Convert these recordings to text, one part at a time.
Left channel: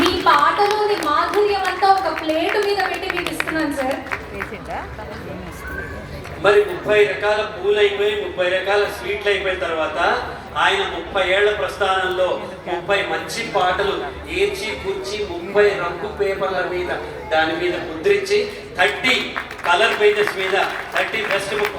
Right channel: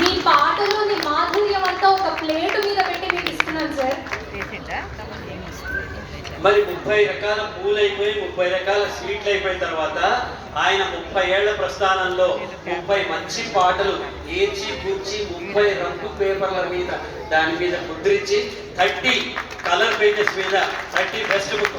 మీ పాటలోని మాధుర్యం అంతా ఒక ప్లేట్ మీద పెట్టి మీకు ఇస్తున్నాను సార్. మరి 30 రకాల పూలు అయిపోయి 30 రకాల స్వీట్లు అయిపోయిన తర్వాత ఆయన 30 ఏళ్ల ప్రస్థానంలో 30 మంచి పాటలు ఏర్చి కూర్చి 30 రంగు పేపర్ల మీద దాని మీద ముద్రించి 30 కలర్ పేజెస్ మీద 30 బెస్ట్ బుక్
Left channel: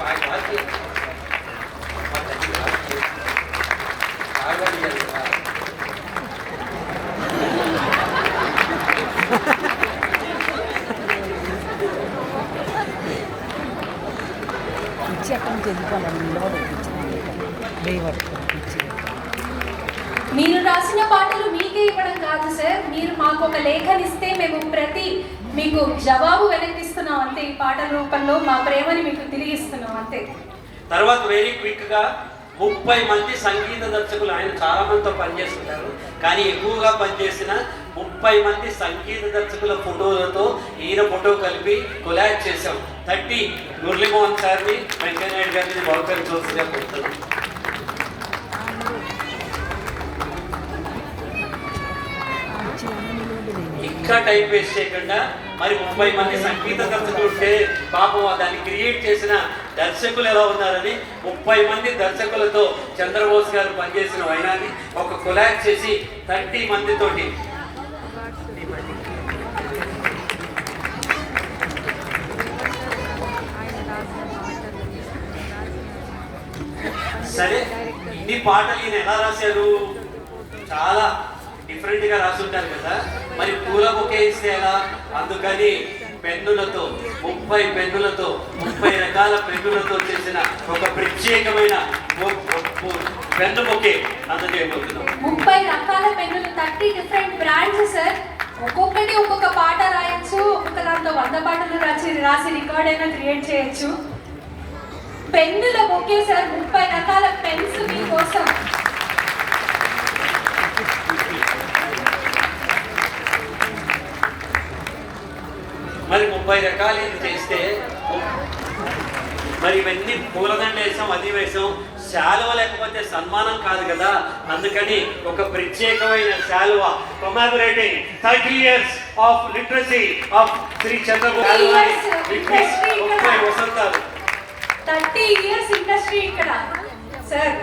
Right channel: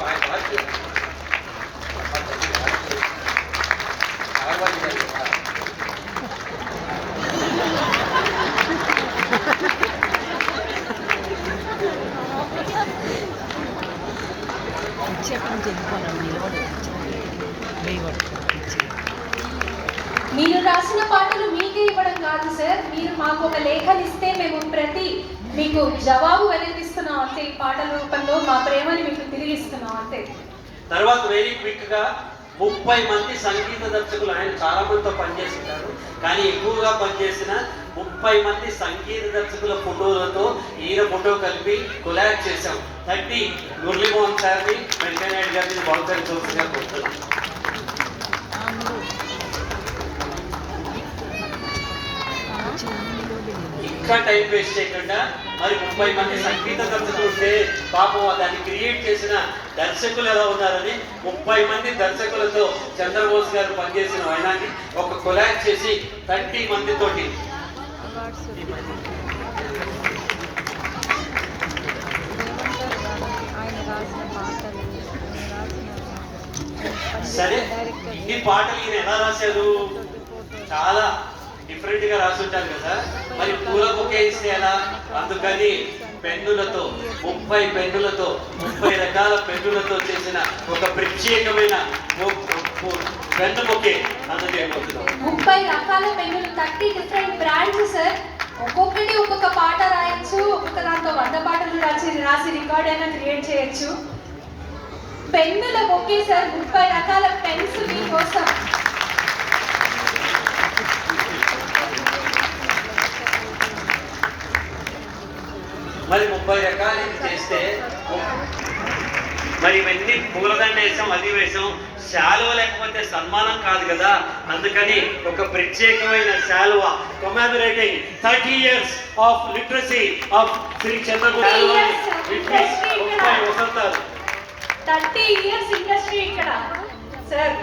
మీరు రాసిన పాటలు మీకే ఇవ్వడం కాదు సార్, మీరు మాకు ఒక లేఖనిస్తే మేము మీకు జవాబు వెనకిస్తున్నాం అంతే. ఈ పాటల రూపంలో మా ప్రేమని మీకు తిరిగిస్తున్నాం అంతే. తర్వాత వెరీ క్విక్ గా 30 మంది సంగీత దర్శకులు, ఆయన చాలా మందితో పనిచేస్తుంటారు కానీ ఎక్కువగా పనిచేసిన 30 మంది సంగీత దర్శకుల ఫోటోలతో ఈయన ఫోటో కలిపి కొలాబ్ చేశాం. 30 మురళీమోహన్ సార్ని, వెంకయ్యనాయుడు గారిని బహుకరించవలసిగా కోరుతున్నాం. ఇంకా టైం వేస్ట్ చేయకుండా మరి 30 మంది సంగీత దర్శకులు ఉంటే పాపం దాన్ని క్రియేట్ చేసిన దర్శకులు ఎలా ఉన్నారని 30 మంది దర్శకులతో చంద్రబోస్ గారు పనిచేసిన వైనాన్ని ఒక కొలాబ్ చేసి 30 మందితోటి సరే. ఇన్ని పాటలు ఈయన ఎలా రాశారు? చాలా డిఫరెంట్గా రాసుంటారు కదా. మరి పూల బొకే ఇస్తే ఎలా? అందుకని పెన్నులతో 30 పెన్నులతో 30 రకాల పెన్నులతో చేసిన ఒక ప్రత్యేకమైన పెన్ను బొకే అందజేయబోతున్నాం. 30 రకాల పెన్నులు, 30 డిఫరెంట్ బ్రాండ్స్ సార్. ఒక్కొక్కటి ఒక్కొక్క పాట రాయొచ్చు, ఒక్కొక్క దాంతో 100 పాటలు రాసి రికార్డ్ అయినా క్రియేట్ చేయొచ్చు. పెన్నుల బొకే సార్, 30 రకాల పెన్స్ మీకోసం. మరి 30 రకాలు ఇది చేస్తే మరి ఇవన్నీ పూలదండ వేసాం, అది వేసాం. శాలువ లేకపోతే సన్మానం కాదు కదా. అందుకని ఒక ప్రత్యేకమైన శాలువ commemorating 30 years of literacy of Shri Chandrababu 30 వసంతాలు. 30 years ఇండస్ట్రీ ఇక్కడ సార్.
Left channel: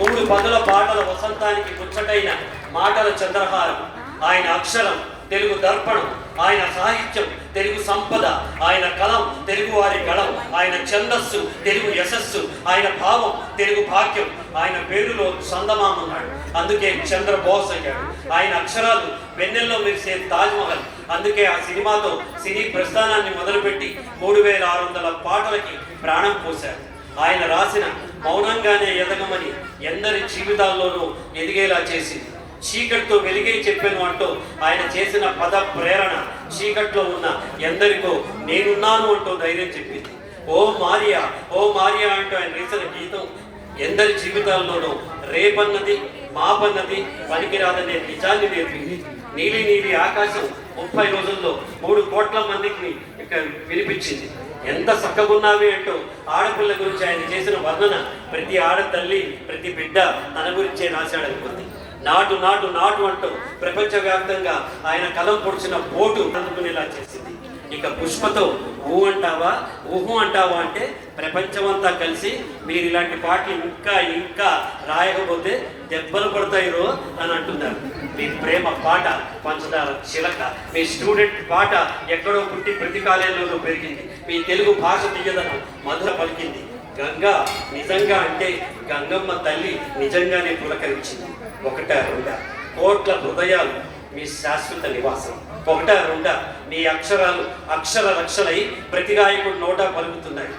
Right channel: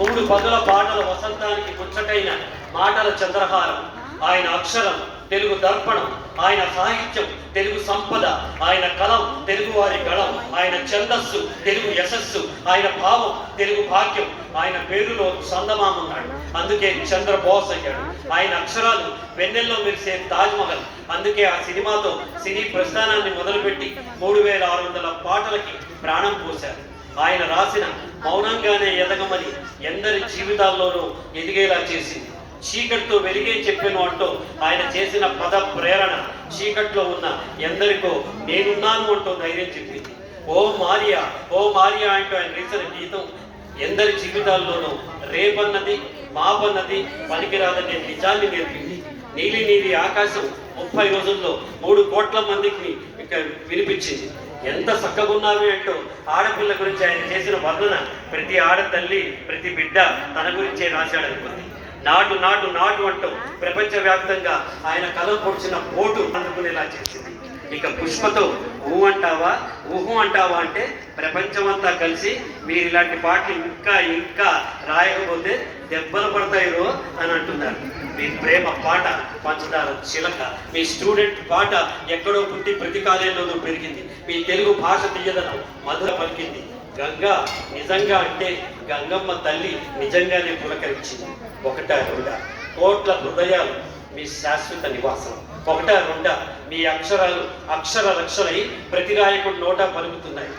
మూడు పదుల పాటల వసంతానికి ముచ్చటైన మాటల చంద్రహారం. ఆయన అక్షరం తెలుగు దర్పణం, ఆయన సాహిత్యం తెలుగు సంపద, ఆయన కలం తెలుగు వారి గళం, ఆయన ఛందస్సు తెలుగు యశస్సు, ఆయన భావం తెలుగు భాగ్యం. ఆయన పేరులో చందమామన్నాడు, అందుకే చంద్రబోస్ అయ్యాడు. ఆయన అక్షరాలు వెన్నెల్లో మెరిసే తాజ్మహల్, అందుకే ఆ సినిమాతో సినీ ప్రస్థానాన్ని మొదలుపెట్టి 3600 పాటలకి ప్రాణం పోశారు. ఆయన రాసిన మౌనంగానే ఎదగమని ఎందరి జీవితాల్లోనూ ఎదిగేలా చేసింది. చీకటితో వెలిగే చెప్పాను అంటూ ఆయన చేసిన పద ప్రేరణ చీకట్లో ఉన్న ఎందరికో నేనున్నాను అంటూ ధైర్యం చెప్పింది. ఓ మారియా ఓ మారియా అంటూ ఆయన వేసిన గీతం ఎందరి జీవితాల్లోనూ రేపన్నది మాపన్నది పనికిరాదనే నిజాన్ని నేర్పింది. నీలి నీలి ఆకాశం 30 రోజుల్లో 3 కోట్ల మందికి వినిపించింది. ఎంత చక్కగున్నావి అంటూ ఆడపిల్ల గురించి ఆయన చేసిన వర్ణన ప్రతి ఆడతల్లి ప్రతి బిడ్డ తన గురించే రాశాడనుకుంది. నాటు నాటు నాటు అంటూ ప్రపంచవ్యాప్తంగా ఆయన కలం పొడిచిన పోటు అందుకునేలా చేసింది. ఇక పుష్పతో ఊహు అంటావా అంటే ప్రపంచమంతా కలిసి మీరు ఇలాంటి పాటలు ఇంకా రాయకపోతే దెబ్బలు పడతాయిరో అని అంటున్నారు. మీ ప్రేమ పాట పంచదార చిలక, మీ స్టూడెంట్ పాట ఎక్కడో పుట్టి ప్రతి కాలేజీలోనూ పెరిగింది. మీ తెలుగు భాష తీయదనం మధుర పలికింది. గంగా నిజంగా అంటే గంగమ్మ తల్లి నిజంగానే పులకరించింది. 1 కోట్ల హృదయాలు మీ శాశ్వత నివాసం. 1 మీ అక్షరాలు అక్షర రక్షలై ప్రతి గాయకుడు నోట పలుకుతున్నాయి.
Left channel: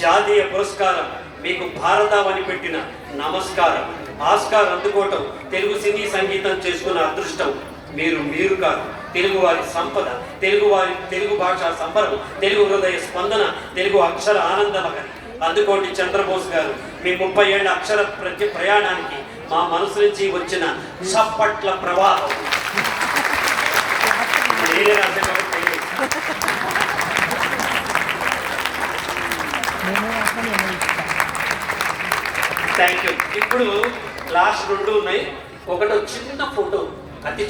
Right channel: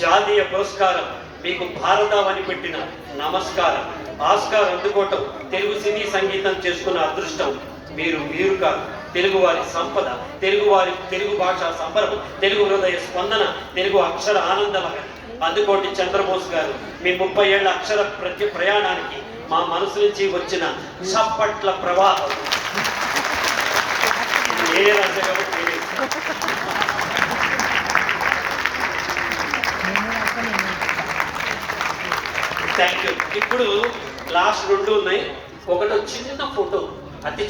జాతీయ పురస్కారం మీకు భారతావని పెట్టిన నమస్కారం. ఆస్కార్ అందుకోవటం తెలుగు సినీ సంగీతం చేసుకున్న అదృష్టం. మీరు కాదు తెలుగు వారి సంపద, తెలుగు భాషా సంబరం, తెలుగు హృదయ స్పందన, తెలుగు అక్షర ఆనందమగని. అందుకోటి చంద్రబోస్ గారు మీ 30 ఏళ్ల అక్షర ప్రయాణానికి మా మనసు నుంచి వచ్చిన చప్పట్ల ప్రవాహం. నేనే రాసే కాబట్టి థ్యాంక్ యూ. ఇప్పుడు లాస్ట్ 2 ఉన్నాయి. ఒకటి చిన్న ఫోటో, అతి